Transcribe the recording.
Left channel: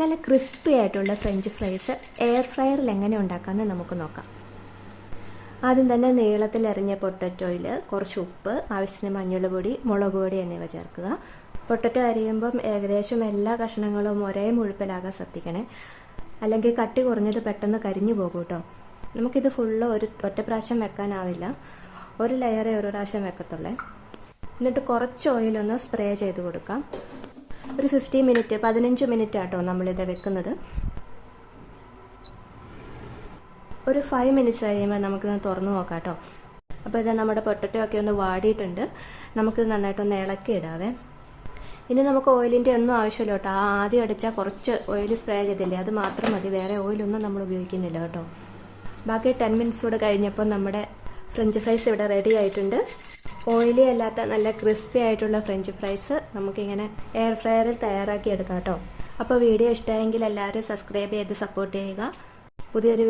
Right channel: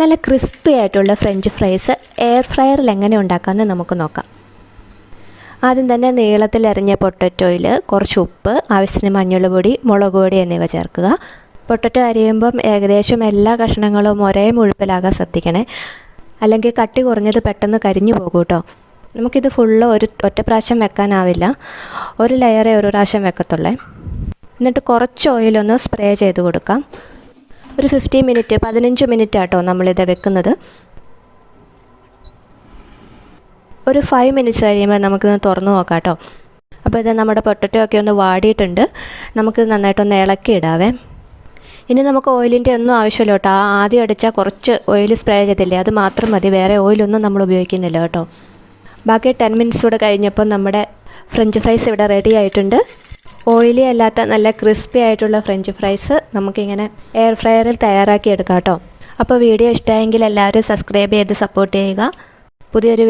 നല്ല ക്രിസ്പി ആയിട്ടുള്ള French fries air ഫ്രയറിൽ എങ്ങനെ ഉണ്ടാക്കാമെന്ന് നമുക്ക് നോക്കാം. ആദ്യം തന്നെ നീളത്തിൽ അരിഞ്ഞ പൊട്ടറ്റോയിൽ കുറച്ച് ഉപ്പ്, ആവശ്യത്തിന് മഞ്ഞൾപ്പൊടി, മുളക് പൊടി എന്നിവ ചേർക്കുക. പൊട്ടറ്റോ അരിയുമ്പം ഏകദേശം എല്ലാ കഷ്ണങ്ങളും ഒരേ മുഴുപ്പിലാകാൻ ശ്രദ്ധിക്കണേ, അല്ലെങ്കിൽ കട്ടി കുറഞ്ഞത് പെട്ടെന്ന് കരിഞ്ഞു പോകും കേട്ടോ. നമുക്കിത് ഫുള്ള് ഒറ്റ പ്രാവശ്യം വെക്കാനാവില്ല, ഒരു ലെയറേ ഒരു പ്രാവശ്യം വെക്കത്തുള്ളേ. എന്നിട്ട് കുറച്ച് ഓയിലൊന്ന് സ്പ്രേ ചെയ്ത് കൊടുക്കാം. ഒരു 15 മിനിറ്റ് ആട്ടോ നമ്മളിത് വെക്കുന്നത്. ഒരു 5 മിനിറ്റ്സ് കഴിയുമ്പോൾ നമുക്കിത് തുറന്ന് നോക്കാം കേട്ടോ. അപ്പോൾ ഇത് നമ്മുടെ പൊട്ടറ്റോ ഒക്കെ ഒന്ന് വാടിയിട്ടുണ്ട്. നമുക്കിത് നന്നായിട്ടൊന്ന് ഇളക്കിയിടാവേ. ഇനി നമുക്ക് ഓയിലിൻ്റെ ഒന്നും ആവശ്യമില്ല കേട്ടോ. ആദ്യം അടിച്ചാൽ കുറച്ച് ഓയിൽ സ്പ്രേ ചെയ്തില്ലേ, അത് മാത്രം മതി, വേറെ ഓയിലൊന്നും നമ്മൾ ഉപയോഗിക്കുന്നില്ല കേട്ടോ. ബാക്കി 10 മിനിറ്റ്സ് കൂടെ കഴിഞ്ഞപ്പോൾ നമ്മുടെ ഫ്രഞ്ച് ഫ്രൈസ് ഇവിടെ റെഡി ആയിട്ടുണ്ട്. ഓയിലി അല്ലാത്ത നല്ല ക്രിസ്പി ആയിട്ടുള്ള ഫ്രഞ്ച് ഫ്രൈസ് നമുക്കിങ്ങനെ എയർ ഫ്രയറിൽ തയ്യാറാക്കി എടുക്കാം കേട്ടോ. അപ്പോൾ വീഡിയോ ഇഷ്ടമായെങ്കിൽ എല്ലാവരും സബ്സ്ക്രൈബ് ചെയ്ത് സപ്പോർട്ട് ചെയ്യുക. പുതിയൊരു